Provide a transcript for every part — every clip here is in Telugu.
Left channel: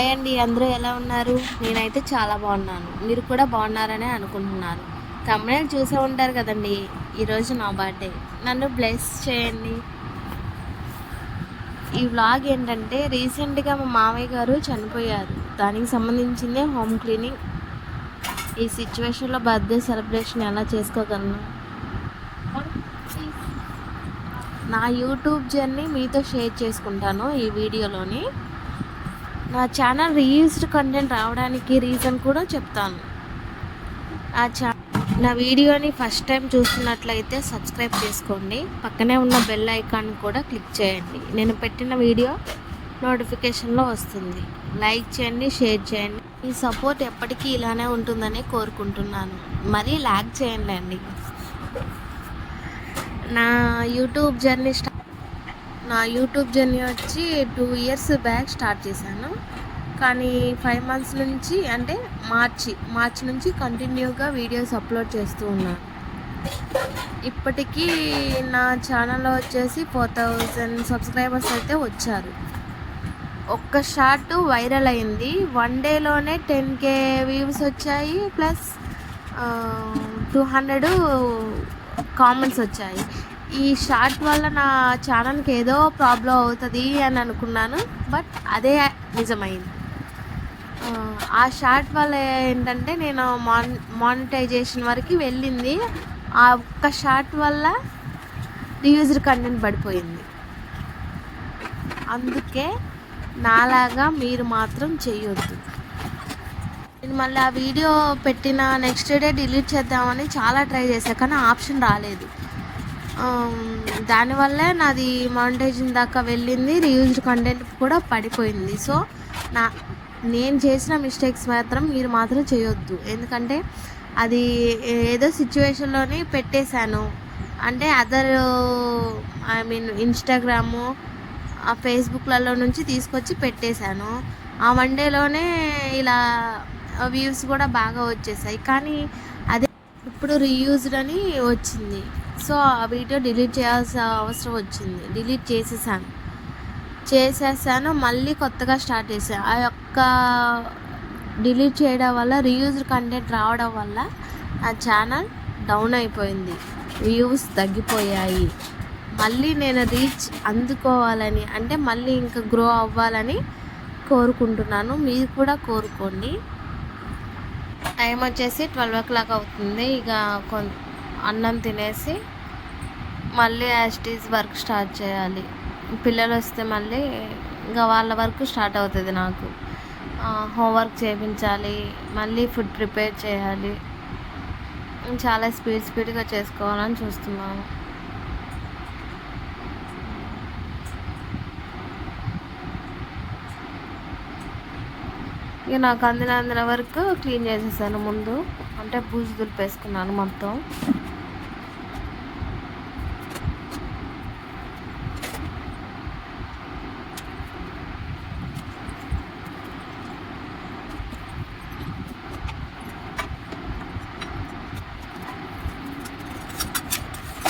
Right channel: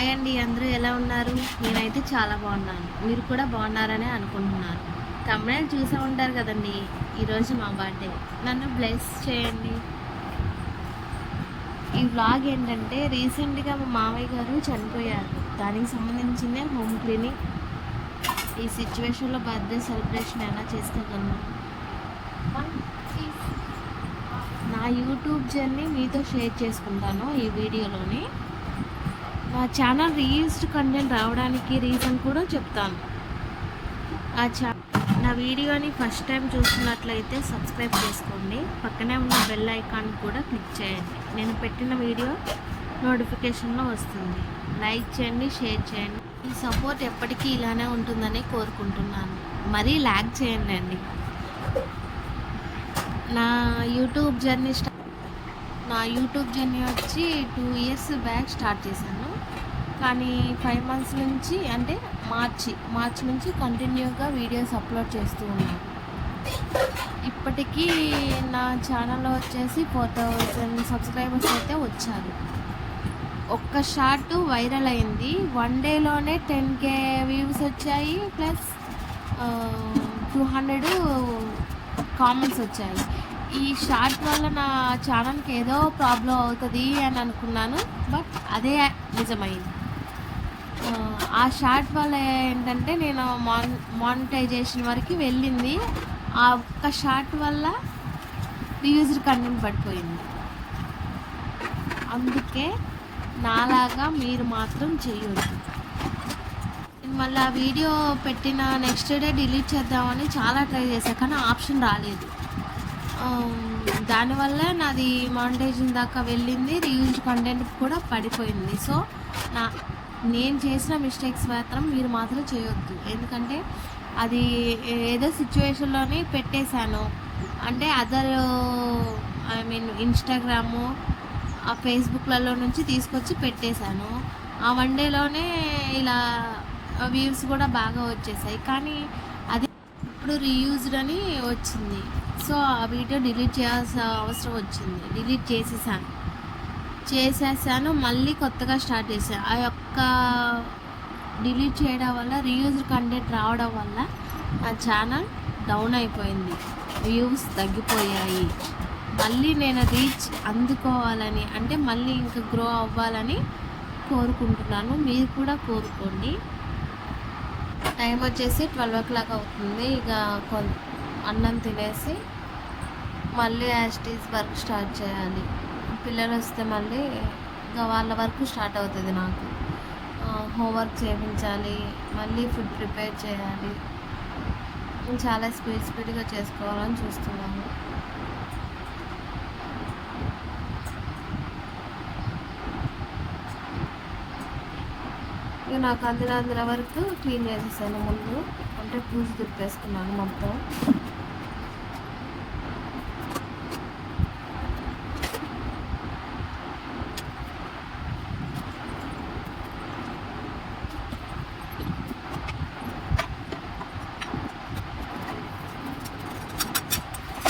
హాయ్ అండి అందరూ ఎలా ఉన్నారు? నేనైతే చాలా బాగున్నాను. మీరు కూడా బాగున్నారని అనుకుంటున్నారు తమిళ చూసే ఉంటారు కదండి ఈరోజు నా బర్త్డే నన్ను బ్లెస్ చేయండి. ఈ వ్లాగ్ ఏంటంటే రీసెంట్గా మా మామయ్య గారు చనిపోయారు. దానికి సంబంధించిందే హోమ్ క్లీనింగ్ ఈ సిచ్యువేషన్లో బర్త్డే సెలబ్రేషన్ ఎలా చేసుకోగలను? నా యూట్యూబ్ జర్నీ మీతో షేర్ చేసుకుంటాను ఈ వీడియోలోని నా ఛానల్ రీయూస్డ్ కంటెంట్ రావడానికి రీజన్ కూడా చెప్తాను. నా ఛా నా వీడియోని ఫస్ట్ టైం చూస్తున్నట్లయితే సబ్స్క్రైబ్ చేసుకోండి. పక్కనే ఉన్న బెల్ ఐకాన్ కూడా క్లిక్ చేయండి. నేను పెట్టిన వీడియో నోటిఫికేషన్లో వస్తుంది. లైక్ చేయండి షేర్ చేయండి. ఈ సపోర్ట్ ఎప్పటికీ ఇలానే ఉంటుందని కోరుకుంటున్నాను. మరీ ల్యాక్ చేయండి అండి. నా యూట్యూబ్ జర్నీ స్టార్ట్ నా యూట్యూబ్ జర్నీ వచ్చి టూ ఇయర్స్ బ్యాక్ స్టార్ట్ చేశాను. కానీ ఫైవ్ మంత్స్ నుంచి అంటే మార్చి మార్చి నుంచి కంటిన్యూగా వీడియోస్ అప్లోడ్ చేస్తూ ఉన్నాను ఇప్పటికీ నా ఛానల్లో వచ్చేసి ఫోర్ థౌజండ్ సబ్స్క్రైబర్స్ అయితే వచ్చారు. ఒక్క షార్ట్ వైరల్ అయింది. వన్ డేలోనే టెన్ కే వ్యూస్ వచ్చాయి. ప్లస్ టూ హండ్రెడ్ కామెంట్స్ వచ్చాయి. ఈ షార్ట్ వల్ల నా ఛానల్కి ఏదో ప్రాబ్లం అవుతుంది అని అనుకున్నాను బట్ అదే నిజమైంది. ఆ, షార్ట్ వల్ల ఏంటంటే నేను మాన్ మానిటైజేషన్ వరకు వెళ్ళింది. ఆ ఒక్క షార్ట్ వల్ల రీయూజ్డ్ కంటెంట్ పడిపోయింది. అందుకే నాలాగా మీరు మాత్రం చేయొద్దు. నేను మళ్ళీ ఆ వీడియో పెట్టిన నెక్స్ట్ డే డిలీట్ చేద్దామని చాలా ట్రై చేశాను కానీ ఆప్షన్ రాలేదు. దానివల్లే నాది మానిటైజింగ్ దాకా వెళ్ళింది. రీయూజ్డ్ కంటెంట్ కూడా పడిపోయింది. సో నా నేను చేసిన మిస్టేక్స్ మాత్రం మీరు మాత్రం చేయొద్దు. ఎందుకంటే అది ఏదో సిచ్యువేషన్లోని పెట్టేశాను. అంటే అదర్ ఐ మీన్ ఇన్స్టాగ్రాము ఆ ఫేస్బుక్లలో నుంచి తీసుకొచ్చి పెట్టేశాను. ఆ వన్ డేలోనే ఇలా వ్యూస్ కూడా బాగా వచ్చేసాయి. కానీ అదే ఇప్పుడు రీయూజ్డ్ అని వచ్చింది. సో ఆ వీడియో డిలీట్ చేయాల్సిన అవసరం వచ్చింది. డిలీట్ చేసేసాను. చేసేసాను. మళ్ళీ కొత్తగా స్టార్ట్ చేశాను ఆ యొక్క డిలీట్ చేయడం వల్ల రీయూజ్డ్ కంటెంట్ రావడం వల్ల ఆ ఛానల్ డౌన్ అయిపోయింది. వ్యూస్ తగ్గిపోయాయి. మళ్ళీ నేను రీచ్ అందుకోవాలని అంటే మళ్ళీ ఇంకా గ్రో అవ్వాలని కోరుకుంటున్నాను. మీరు కూడా కోరుకోండి. టైం వచ్చేసి ట్వెల్వ్ ఓ క్లాక్ అవుతుంది. ఇక కొ అన్నం తినేసి మళ్ళీ యాస్టీస్ వర్క్ స్టార్ట్ చేయాలి. పిల్లలు వస్తే మళ్ళీ ఇంకా వాళ్ళ వర్క్ స్టార్ట్ అవుతుంది నాకు. హోంవర్క్ చేయించాలి మళ్ళీ ఫుడ్ ప్రిపేర్ చేయాలి. చాలా స్పీడ్ స్పీడ్గా చేసుకోవాలని చూస్తున్నాను. ఇక నాకు అందిన అందిన వరకు క్లీన్ చేసేసాను ముందు. అంటే పూజ దులిపేసుకున్నాను మొత్తం.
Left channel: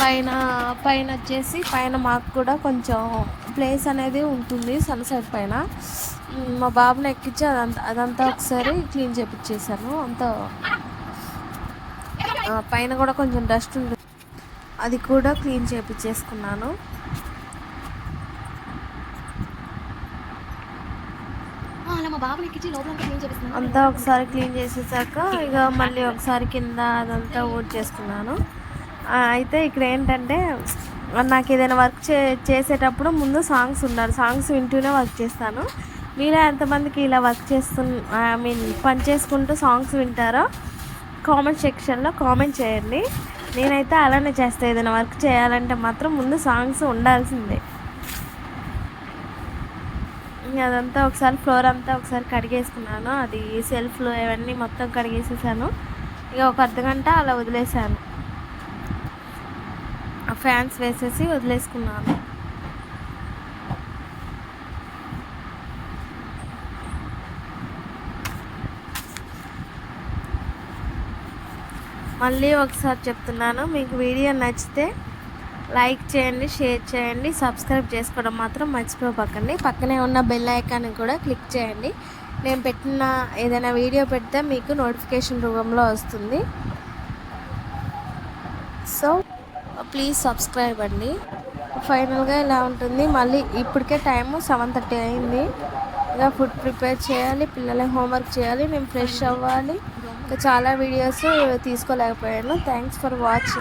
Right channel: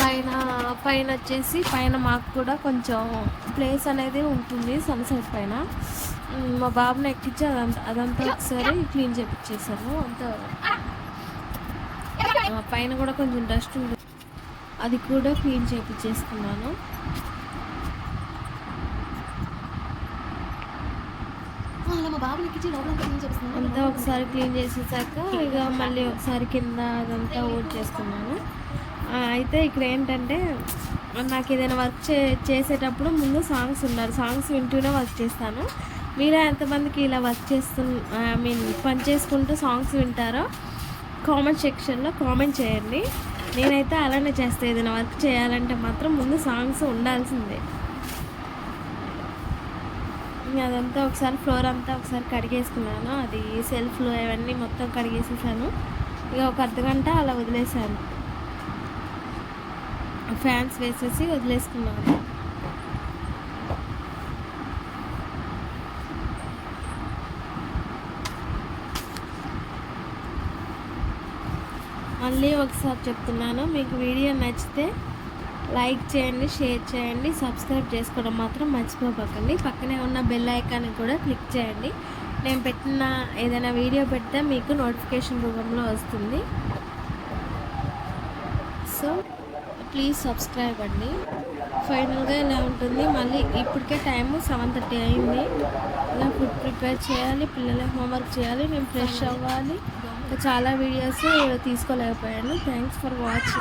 పైన పైన వచ్చేసి పైన మాకు కూడా కొంచెం ప్లేస్ అనేది ఉంటుంది సన్సెట్ పైన. మ్, బాబుని ఎక్కించి అదంతా అదంతా ఒకసారి క్లీన్ చేపించేసాను అంతా పైన కూడా కొంచెం డస్ట్ ఉంటుంది అది కూడా క్లీన్ చేపించేసుకున్నాను అంతా ఒకసారి క్లీన్ చేసేసాక ఇక మళ్ళీ ఒకసారి కింద అదంతా ఊడ్ చేసుకున్నాను. అయితే ఇక్కడ ఏంటంటే నాకు ఏదైనా వర్క్ చే చేసేటప్పుడు ముందు సాంగ్స్ ఉండాలి. సాంగ్స్ వింటూనే వర్క్ చేస్తాను. మీరే ఎంతమందికి ఇలా వర్క్ చేస్తు ఐ మీన్ పని చేసుకుంటూ సాంగ్స్ వింటారో కామెంట్ సెక్షన్లో కామెంట్ చేయండి. నేనైతే అలానే చేస్తాను ఏదైనా వర్క్ చేయాలంటే మాత్రం ముందు సాంగ్స్ ఉండాల్సిందే. అదంతా ఒకసారి ఫ్లోర్ అంతా ఒకసారి కడిగేసుకున్నాను. అది సెల్ఫ్లు అవన్నీ మొత్తం కడిగేసేసాను. ఇక ఒక అర్ధగంట అలా వదిలేసాను. ఫ్యాన్స్ వేసేసి వదిలేసుకున్నాను. మళ్ళీ ఒకసారి చెప్తున్నాను. మీకు వీడియో నచ్చితే లైక్ చేయండి షేర్ చేయండి సబ్స్క్రైబ్ చేసుకోవడం మాత్రం మర్చిపోపక్కండి పక్కనే ఉన్న బెల్ ఐకాన్ కూడా క్లిక్ చేయండి. నేను పెట్టిన ఏదైనా వీడియో పెడితే మీకు నోటిఫికేషన్ రూపంలో వస్తుంది. సో ప్లీజ్ సబ్స్క్రైబ్ అండి. ఫైనల్గా ఇలా ఉంటుంది? మళ్ళీ ఇప్పటికే టైము సెవెన్ థర్టీ అయింది. ఇక ఫుడ్ ప్రిపేర్ చేయాలి పిల్లల హోంవర్క్ చేయాలి నేను ఫ్రెష్ అవ్వాలి. ఇంకా చాలా వీడియోస్ తీసుకోలేకపోయాను. Thanks for watching